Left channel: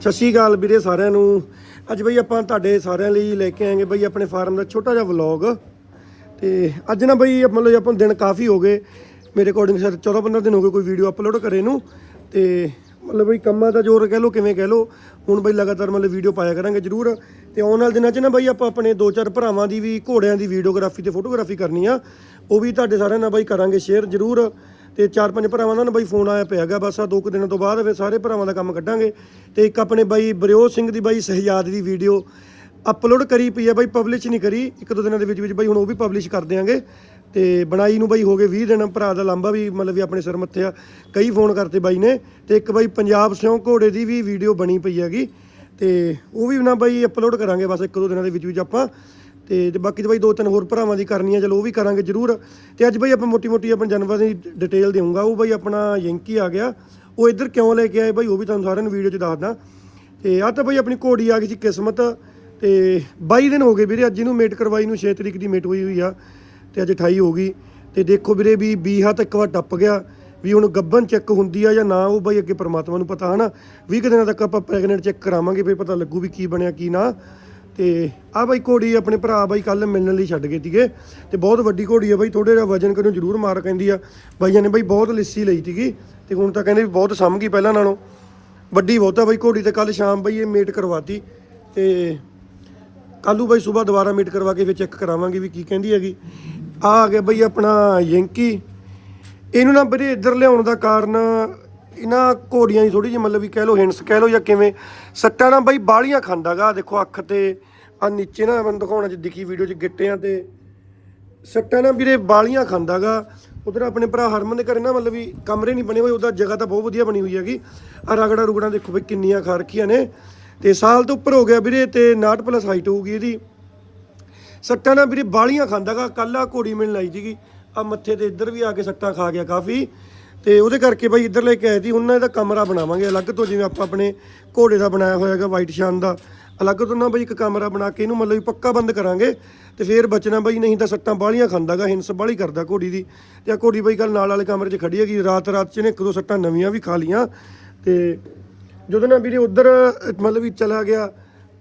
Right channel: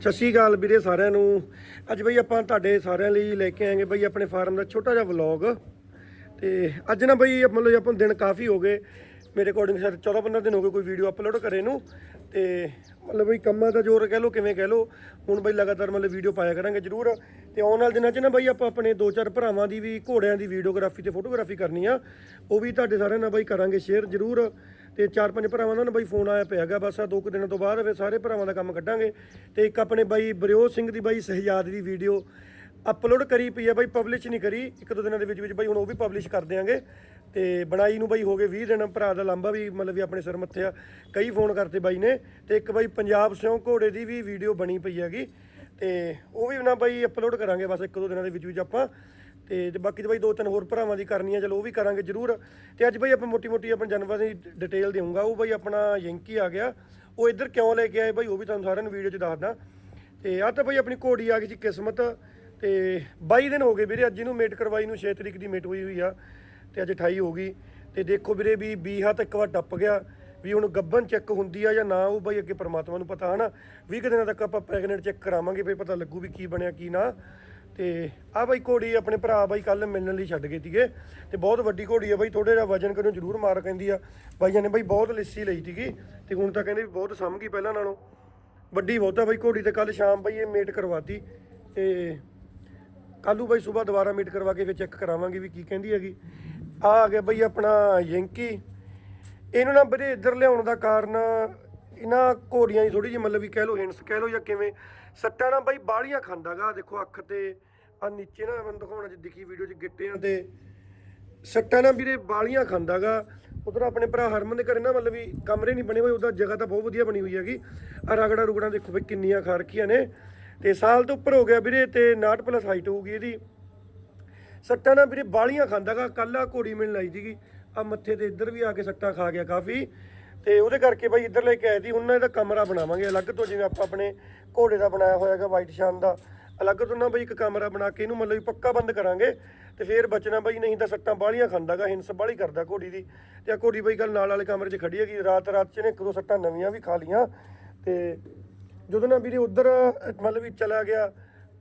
ਸਤਿ ਸ਼੍ਰੀ ਅਕਾਲ ਵੀਰੇ ਸਾਰਿਆਂ ਨੂੰ। ਅੱਜ ਬਈ ਆਪਾਂ ਤੁਹਾਡੇ ਸਾਰਿਆਂ ਲਈ ਲੈ ਕੇ ਆਏਗੇ ਬਈ ਆਪਣੇ ਫਾਰਮ ਦਾ ਛੋਟਾ ਜਿਹਾ ਵਲੌਗ। ਤੇ ਅੱਜ ਨਾ ਬਈ ਮਤਲਬ ਆਪਾਂ ਦਿਨ ਕਾਫੀ ਹੋ ਗਏ। ਮੇਰੇ ਅਕੋਰਡਿੰਗ ਸਰ 14 15 ਦਿਨ ਹੋ ਗਏ ਕੋਈ ਵੀਡੀਓ ਅਪਲੋਡ ਕਰੇ ਨੂੰ। ਤੇ ਮਤਲਬ ਬਈ ਕੰਮਾਂ ਦਾ ਜ਼ੋਰ ਕਹਿ ਲੋ ਕਿਵੇਂ ਕਹਿ ਲੋ ਹੁਣ ਬਈ ਲਗਾਤਾਰ ਮਤਲਬ ਵੀਡੀਓ ਪਾਇਆ ਕਰਾਂਗੇ ਜ਼ਰੂਰ। ਤੇ ਆਉਣ ਵਾਲੇ ਦਿਨਾਂ 'ਚ ਨਾ ਬਈ ਆਪਾਂ ਆਪਣੇ ਦੋ ਚਾਰ ਭਰਾਵਾਂ ਦੀ ਵੀ ਘੋੜਿਆਂ ਦੀ ਵੀਡੀਓਗ੍ਰਾਫੀ ਤੇ ਫੋਟੋਗ੍ਰਾਫੀ ਕਰਨੀ ਆ। ਉਹ ਵੀ ਤੁਹਾਡੇ ਸਾਰਿਆਂ ਨਾਲ ਬਈ ਕਰਾਂਗੇ ਸ਼ੇਅਰ ਜ਼ਰੂਰ। ਤੇ ਚਾਰ ਪੰਜ ਭਰਾਵਾਂ ਦਾ ਨਾ ਬਾਈ ਫੋਨ ਆਇਆ ਪਿਆ ਹੈਗਾ, ਬਸ ਆ ਦੋ ਕੁ ਦਿਨਾਂ ਤੋਂ ਬਾਅਦ ਫਿਰ ਸਾਰੇ ਭਰਾਵਾਂ ਦਾ ਕੰਮ ਕੱਢਾਂਗੇ। ਤੇ ਇੱਕ ਆਪਣੇ ਬਾਈ ਬਰਿਓ ਸਿੰਘ ਦੀ ਬਾਈ ਸਹਿਜਾਦ ਦੀ ਵੀਡੀਓ ਅਪਲੋਡ ਕਰੀ ਪਈ ਹੈ ਬਾਈ ਪਬਲਿਸ਼ ਨਹੀਂ ਕਰੀ, ਇੱਕ ਦੋ ਦਿਨਾਂ ਦੇ ਵਿੱਚ ਵਿੱਚ ਬਾਈ ਹੁਣ ਉਹ ਵੀ ਪਬਲਿਸ਼ ਕਰ ਦਿਆਂਗੇ। ਤੇ ਬਣਾਈ ਨੂੰ ਬਾਈ ਹੋ ਗਏ 20 ਦਿਨ, ਭਰਾ ਦਾ ਲਾਂਬਾ ਵੀ ਮਤਲਬ ਵੀ ਆਪਣੇ ਸਿਰ ਮੱਥੇ ਆ, ਕਈ ਫੋਨ ਕਰਤੇ ਬਾਈ ਨੇ। ਤੇ ਇੱਕ ਬਾਈ ਪੰਜਾਬ ਸਿਉਂ ਘੋੜੇ ਦੀ ਵੀ ਵੀਡੀਓ ਬਣੀ ਪਈ ਹੈਗੀ, ਤੇ ਉਹ ਵੀ ਨਾ ਬਾਈ ਅਪਲੋਡ ਕਰਾਂਗੇ, ਬਸ ਇੱਕ ਦੋ ਦਿਨਾਂ ਦੇ ਵਿੱਚ ਵਿੱਚ ਆਪਾਂ। ਤੇ ਬਾਕੀ ਤਾਂ ਬਾਈ ਦੋ ਤਿੰਨ ਹੋਰ ਭਰਾਵਾਂ ਦੀ ਕਰਨੀ ਆ, ਚਲੋ ਉਹ ਵੀ ਕਰਾਂਗੇ ਜ਼ਰੂਰ। ਤੇ ਅੱਜ ਬਾਈ ਆਪਾਂ ਮੋਟੀ ਮੋਟੀ ਆਪਣੇ ਜਾਨਵਰਾਂ ਦੀ ਡਿਟੇਲ ਦੇਵਾਂਗਾ ਉਹ ਬਾਈ ਆਪਣਾ ਯੰਕੀ ਆ ਗਿਆ। ਉਹ ਇੱਧਰ ਕਿਉਂ ਲੈ ਕੇ ਆਏ ਬਾਈ, ਉਹ ਵੀ ਤੁਹਾਨੂੰ ਸਾਰਿਆਂ ਨੂੰ ਵੀਡੀਓ 'ਚ ਦੱਸਦਾ। ਤੇ ਆ ਤਾਂ ਬਾਈ ਆਪਣੀ ਘੋੜੀ ਆ ਗਈ ਸੀ ਕਿਸਮਤ। ਤੇ 22 ਦਿਨ ਹੋ ਗਏ ਵੀਰੇ, ਅੱਜ ਇਹਨੂੰ ਮੇਟ ਕਰਵਾਈ ਨੂੰ 6 ਤਰੀਕ ਦੀ ਮੇਟ ਹੋਈ ਹੋਈ ਆ, ਤੇ ਅੱਜ 28 ਹੋ ਗਈ। ਤੇ ਦੇਖੋ ਵੀਰੇ ਵੀ ਬੀਹਾ ਤਾਂ ਇੱਕ ਵਾਰ ਟੱਪ ਗਿਆ, ਵੀ ਹੁਣ ਗੱਬਨ ਚੈੱਕ ਹੁੰਦੀ ਆ ਜਾਂ ਨਾ, ਉਹ ਬਾਈ ਅੱਗੇ ਪਰਮਾਤਮਾ ਨੂੰ ਪਤਾ ਹਨਾ। 20 ਕੁ ਦਿਨਾਂ ਤੱਕ ਆਪਾਂ ਪ੍ਰੈਗਨੈਂਟ ਚੈੱਕ ਕਰਾਵਾਂਗੇ, ਫਿਰ ਪਤਾ ਲੱਗੂ ਵੀ ਕੀ ਬਣਿਆ, ਕੀ ਨਾ। ਤੇ ਆ ਬਾਈ ਘੋੜੀ ਆਪਣੇ ਭਰਾ ਬਾਈ ਕੱਲ ਮਿਲਣ ਲਈ ਛੱਡ ਗਏ ਸੀਗੇ ਤੇ ਬਹੁਤ ਵੱਡੀ ਘੋੜੀ ਆ ਬਾਈ ਥੋੜੇ ਜਿਹਾ ਵਜਨ ਕਰਿਓ ਜ਼ਰੂਰ ਮਾਰ ਕਹਿੰਦੀ ਆ। ਬਾਈਆਂ ਨੇ ਬਾਈ ਬਹੁਤ ਲਿੱਸੀ ਲਈ ਸੀਗੀ ਤੇ ਹੁਣ ਤਾਂ ਕਹਿੰਦੇ ਵੀ ਬਹੁਤ ਸਮ ਗਈ ਪਹਿਲਾਂ ਨਾਲੋਂ। ਵੱਡੀ ਬਹੁਤਾ ਬਾਈ ਘੋੜੀ ਤੇ ਕੱਲ ਸ਼ਾਮ ਬਾਈ ਇਹ ਮੇਟ ਕਰਵਾਤੀ ਤੇ ਕੱਲੂ ਬਾਈ ਸਵੇਰ ਦੁਬਾਰਾ ਮੀਟ ਕਰਵਾ ਕੇ ਫਿਰ ਚੈੱਕ ਕਰਾਵਾਂਗੇ ਵੀ ਕੀ ਕਹਿੰਦੀ ਹੈਗੀ। ਆ ਆ ਗਿਆ ਬਈ ਆਪਣਾ ਯੰਕੀ। ਇਹਨੂੰ ਨਾ ਵੀਰੇ ਇੱਧਰ ਲਿਆਉਣ ਦਾ ਕਾਰਨ ਇਹਨਾਂ ਘੋੜੀਆਂ ਦੀ ਥੋੜੀ ਜਿਹੀ ਮਤਲਬ ਵੀ ਕਹਿ ਲਓ ਹਿੰਸ ਕਹਿ ਲਓ ਜਾਂ ਕਿਵੇਂ। ਸੱਟਾਂ ਨਾ ਬਾਈ ਬਾਲੀਆਂ ਖਾਂਦਾਗਾ ਦੇਖੋ ਅੱਖ ਤੇ ਆ ਨੀਚੇ ਨਾ ਮੈਨੂੰ ਦਿਖਾਉਣਾ ਚ ਦਿਖੀ ਵੀਡੀਓ ਚ ਗਿੱਟਿਆਂ ਤੇ। ਸੱਟਾਂ ਨਾ ਵੀਰੇ ਬਾਲੀਆਂ ਖਾਂਦਾਗਾ। ਉਧਰ ਆਪਣੇ ਭਰਾ ਹਰਮਨ ਦੇ ਘਰੇ ਨਾ ਮਤਲਬ ਵੀ ਕਮਰੇ ਨਹੀਂ ਬਣੇ ਹੋਏ, ਉਹਦਾ ਜਗ੍ਹਾ ਤਾਂ ਬਹੁਤ ਵਧੀਆ ਬਣੀ ਹੋਈ ਹੈਗੀ। ਆ ਰਗੜਾ ਰੁਗੜਾ ਦੇਖੋ ਵੀ ਕਿੰਨੀਆਂ ਖਾ ਰੱਖੀਆਂ ਨੇ। ਤੇ ਸਾਲ ਤੋਂ ਉੱਪਰ ਹੋ ਗਿਆ ਵੀਰੇ ਤੇ 69 ਪਲੱਸ ਹਾਈਟ ਹੋਊਗੀ ਇਹਦੀ। ਸੱਟਾਂ ਨਾ ਵੀਰੇ ਬਾਲੀਆਂ ਖਾਂਦਾਗਾ ਕੱਲ ਆ ਘੋੜੀ ਮਿਲਣ ਆਈ ਸੀਗੀ। ਆ ਮੱਥੇ ਤੇ ਇੱਧਰ ਵੀ ਆ ਕੇ ਸੱਟਾਂ ਖਾ ਗਿਆ ਕਾਫੀ। ਤੇ ਉਹਦੇ ਕਰਕੇ ਬਾਈ ਇੱਧਰ ਲੈ ਕੇ ਆਏ ਸੀ ਉਹਨਾਂ ਇਹਦਾ ਕਮਰਾ ਬਣਾਵਾਂਗੇ, ਅਲੱਗ ਤੋਂ ਜਿਵੇਂ ਆਪਾਂ ਆਪਣੇ ਘੋੜੇ ਦਾ ਬਣਾਇਆ ਹੋਇਆ ਹੈਗਾ ਵਾਈਟ ਸ਼ਾਨ ਦਾ। ਅਲੱਗ ਤੋਂ ਨਾ ਬਈ ਇੱਕ ਕਮਰਾ ਬਣਾ ਕੇ ਇਹਨੂੰ ਮਤਲਬ ਵੀ ਪੱਕਾ ਬੰਦ ਕਰਾਂਗੇ ਤੇ ਫੇਰ ਬਚਣਾ ਬਈ ਨਹੀਂ ਤਾਂ ਸੱਟਾਂ ਬਾਲੀਆਂ ਖਾਂਦਾਗਾ, ਹਿੰਸ ਬਾਲੀ ਕਰਦਾ ਘੋੜੀ ਦੀ। ਤੇ ਆ ਘੋੜੀ ਬਈ ਕੱਲ ਨਾਲ ਵਾਲੇ ਕਮਰੇ 'ਚ ਖੜੀ ਹੈਗੀ, ਰਾਤ ਰਾਤ 'ਚ ਨੇ ਇੱਕ ਦੋ ਸੱਟਾਂ ਨਵੀਆਂ ਵੀ ਖਾ ਲੀਆਂ। ਤੇ ਜਦੋਂ ਨਾ ਵੀਰੇ ਉਧਰ, ਮਤਲਬ ਵੀ ਚਲਾ ਗਿਆ,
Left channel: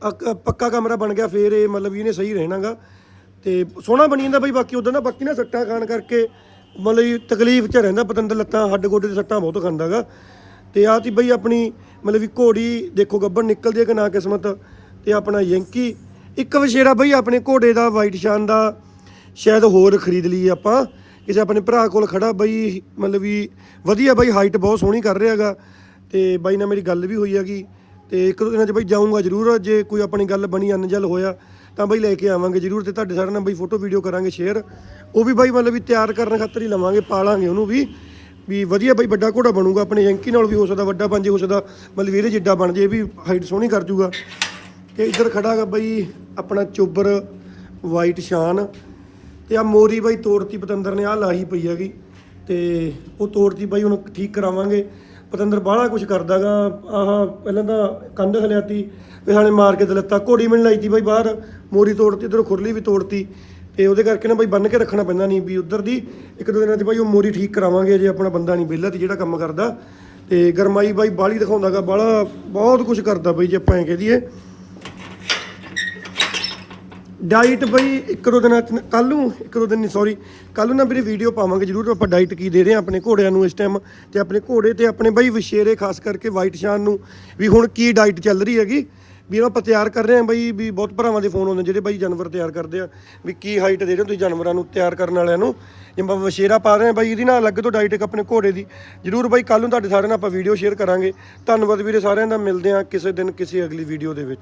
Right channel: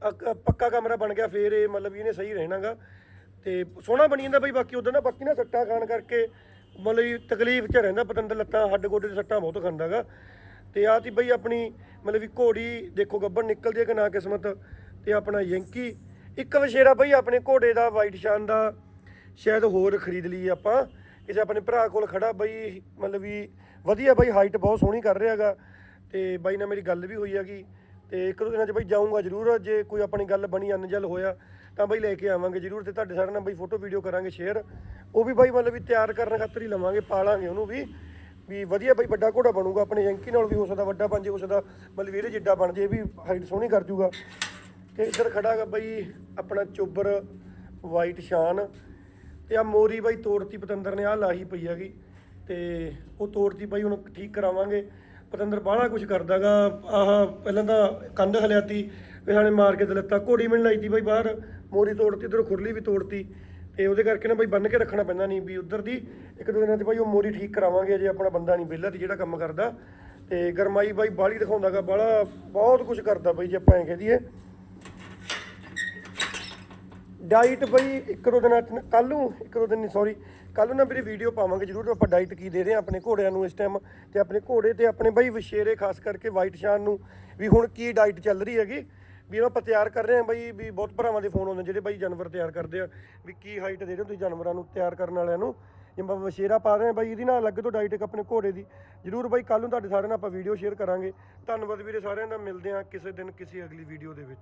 ਅਕ- ਪੱਕਾ ਕਮਰਾ ਬਣ ਗਿਆ, ਫੇਰ ਇਹ ਮਤਲਬ ਵੀ ਇਹਨੇ ਸਹੀ ਰਹਿਣਾਗਾ। ਤੇ ਸੋਹਣਾ ਬਣੀ ਜਾਂਦਾ ਬਈ, ਬਾਕੀ ਉਦੋਂ ਨਾ ਬਾਕੀ ਨਾ ਸੱਟਾਂ ਖਾਣ ਕਰਕੇ ਮਤਲਬ ਵੀ ਤਕਲੀਫ ਚ ਰਹਿੰਦਾ ਪਤੰਦਰ ਲੱਤਾਂ, ਹੱਡ ਗੋਡੇ ਦੇ ਸੱਟਾਂ ਬਹੁਤ ਖਾਂਦਾਗਾ। ਤੇ ਆਹ ਤੀ ਬਈ ਆਪਣੀ ਮਤਲਬ ਵੀ ਘੋੜੀ, ਦੇਖੋ ਗੱਬਰ ਨਿਕਲਦੀ ਹੈ ਕਿ ਨਾ ਕਿਸਮਤ। ਤੇ ਆਪਣਾ ਯੰਕੀ। ਇੱਕ ਵਸ਼ੇਰਾ ਬਈ ਆਪਣੇ ਘੋੜੇ ਦਾ, ਵਾਈਟ ਸ਼ਾਨ ਦਾ, ਸ਼ਾਇਦ ਹੋਰ ਖਰੀਦ ਲਈਏ ਆਪਾਂ। ਕਿਸੇ ਆਪਣੇ ਭਰਾ ਕੋਲ ਖੜਾ ਬਈ, ਮਤਲਬ ਵੀ ਵਧੀਆ ਬਈ ਹਾਈਟ ਬਹੁਤ ਸੋਹਣੀ ਕਰ ਰਿਹਾ ਹੈਗਾ। ਤੇ ਬਾਈ ਨਾਲ ਮੇਰੀ ਗੱਲ ਵੀ ਹੋਈ ਹੈਗੀ। ਤੇ ਇੱਕ ਦੋ ਦਿਨਾਂ 'ਚ ਬਈ ਜਾਊਂਗਾ ਜ਼ਰੂਰ। ਜੇ ਕੋਈ ਆਪਣੀ ਗੱਲ ਬਣੀ ਅਨਜਲ ਹੋਇਆ, ਤਾਂ ਬਈ ਲੈ ਕੇ ਆਵਾਂਗੇ ਜ਼ਰੂਰ ਤੇ ਤੁਹਾਡੇ ਸਾਰਿਆਂ ਨਾਲ ਬਈ ਫੋਟੋ ਵੀਡੀਓ ਕਰਾਂਗੇ ਸ਼ੇਅਰ ਉਹ ਵੀ ਬਾਈ ਮਤਲਬ ਵੀ ਤਿਆਰ ਕਰਨ ਖਾਤਰ ਹੀ ਲਵਾਂਗੇ, ਪਾਲਾਂਗੇ ਉਹਨੂੰ ਵੀ। ਵੀ ਵਧੀਆ ਬਈ ਵੱਡਾ ਘੋੜਾ ਬਣੂਗਾ, ਆਪਣੇ ਯੰਕੀ ਨਾਲ ਵੀ ਹੋ ਸਕਦਾ, ਵੱਡਾ ਬਣ ਜੇ ਹੋ ਸਕਦਾ। ਮਤਲਬ ਇਹਦੇ ਜਿੱਡਾ ਬਣ ਜੇ ਇਹ ਵੀ ਹਾਈਟ ਸੋਹਣੀ ਕਰ ਜੂਗਾ। ਤੇ ਇੱਧਰ ਖੜਾ ਹੈਗਾ ਬਈ ਆਪਣਾ ਚੋਬਰ ਵਾਈਟ ਸ਼ਾਨ ਤੇ ਆ ਮੋਰੀ ਬਾਈ ਤੋੜਤੀ ਪਤੰਦਰ ਨੇ ਆ ਲਾਹੀ ਪਈ ਹੈਗੀ ਤੇ ਉਹ ਤੋੜਤੀ ਬਾਈ ਹੁਣ ਠੀਕ ਕਰਾਵਾਂਗੇ। ਪਤੰਦਰ ਬਾਹਲਾ ਕੁਝ ਕਰਦਾਗਾ ਆਹ ਪਹਿਲਾਂ ਤਾਂ ਕੰਧ ਹਲਿਆਤੀ, ਫਿਰ ਹਾਲੇ ਮਾਰ ਕੇ ਤੇ ਲੱਤਾ ਘੋੜੀ ਮਿਲਣ ਲਾਈ ਤੀ ਬਾਈ ਬਾਹਰ, ਮੋਰੀ ਤੋੜਤੀ, ਇਧਰੋਂ ਖੁਰਲੀ ਵੀ ਤੋੜਤੀ ਤੇ ਉਹਦੇ ਕਰਕੇ ਨਾ ਬਾਈ ਬੰਨ ਕੇ ਰੱਖਣਾ ਪੈਂਦਾ ਨਹੀਂ ਵੀ ਉਧਰ ਦੀ, ਇੱਕ ਦੋ ਦਿਨਾਂ 'ਚ ਬਾਈ ਉਹ ਮੋਰੀ ਠੀਕ ਕਰਾਵਾਂਗੇ, ਜੇ ਆਪਣਾ ਬੰਦਾ ਨਹੀਂ ਵਿਹਲਾ ਤੇ ਜਿਹੜਾ ਕੰਮ ਕਰਦਾ। ਤੇ ਗਰਮਾਈ ਬਾਈ ਬਾਹਲੀ ਦਿਖਾਉਂਦਾਗਾ ਬਾਹਲਾ ਬਹੁਤ ਕੁਝ ਕਰਦਾ ਬਾਈ ਜੇ ਆਪਾਂ ਐਂ ਕਹਿ ਦਈਏ। ਡਾਈਟ ਬਈ, ਇੱਕ ਦੋ ਦਿਨਾਂ ਚ ਕੱਲ ਨੂੰ, ਇੱਕ ਦੋ ਦਿਨ ਨਹੀਂ ਸੌਰੀ ਕੱਲ ਨੂੰ ਨਾ ਵੀਰੇ ਵੀਡੀਓ ਪਾਵਾਂਗੇ, ਜਰੂਰ ਆਪਾਂ ਡਾਈਟ ਕੀ ਦੇ ਰਹੇ ਹਾਂ ਆਪਣੇ ਘੋੜਿਆਂ ਨੂੰ ਇਸ ਟਾਈਮ ਤੇ ਆਪਣੇ ਘੋੜੇ ਤੇ ਆਪਣੇ ਬਈ ਵਿਸ਼ੇਰੇ ਖਾਸ ਕਰਕੇ ਵਾਈਟ ਸ਼ਾਨ ਨੂੰ। ਵੀ ਹੁਣ ਕੀ ਡਾਈਟ ਚੱਲ ਰਹੀ ਹੈਗੀ? ਵੀ ਆਪਾਂ ਤਿਆਰ ਕਰ ਰਹੇ ਹਾਂ ਬਈ, ਵੀ ਬਹੁਤ ਭਰਾਵਾਂ ਦੇ ਫੋਨ ਆਉਂਦੇ ਜਿਹੜੇ ਬਈ ਜਾਨਵਰ ਤਿਆਰ ਕਰਦੇ ਆ। ਵੀ ਕੀ ਹਾਈਟ ਦੇ ਰਹੇ ਹੋ ਤੁਸੀਂ ਜਾਨਵਰਾਂ ਨੂੰ ਤਿਆਰ ਕਰਨ ਵਾਲਿਆਂ ਨੂੰ? ਜਿਵੇਂ ਆਪਾਂ ਵਿਸ਼ੇਰਾ ਪਾ ਰਹੇ ਹਾਂ ਬਈ, ਇਹਦੀ ਨਾਲ ਅਲੱਗ ਤੋਂ ਡਾਈਟ ਇੱਕ ਆਪਣੇ ਘੋੜੇ ਦੀ। ਜਰੂਰ ਬਈ ਕੱਲ ਨੂੰ ਤੁਹਾਡੇ ਸਾਰਿਆਂ ਨਾਲ ਆਪਾਂ ਵੀਡੀਓ ਸ਼ੇਅਰ ਕਰਾਂਗੇ। ਧੰਨਵਾਦ ਵੀਰੇ ਸਾਰਿਆਂ ਦਾ, ਮਿਲਦੇ ਹਾਂ ਕਿਸੇ ਦਿਨ, ਕਿਸੇ ਅਗਲੀ ਵੀਡੀਓ ਦੇ ਵਿੱਚ।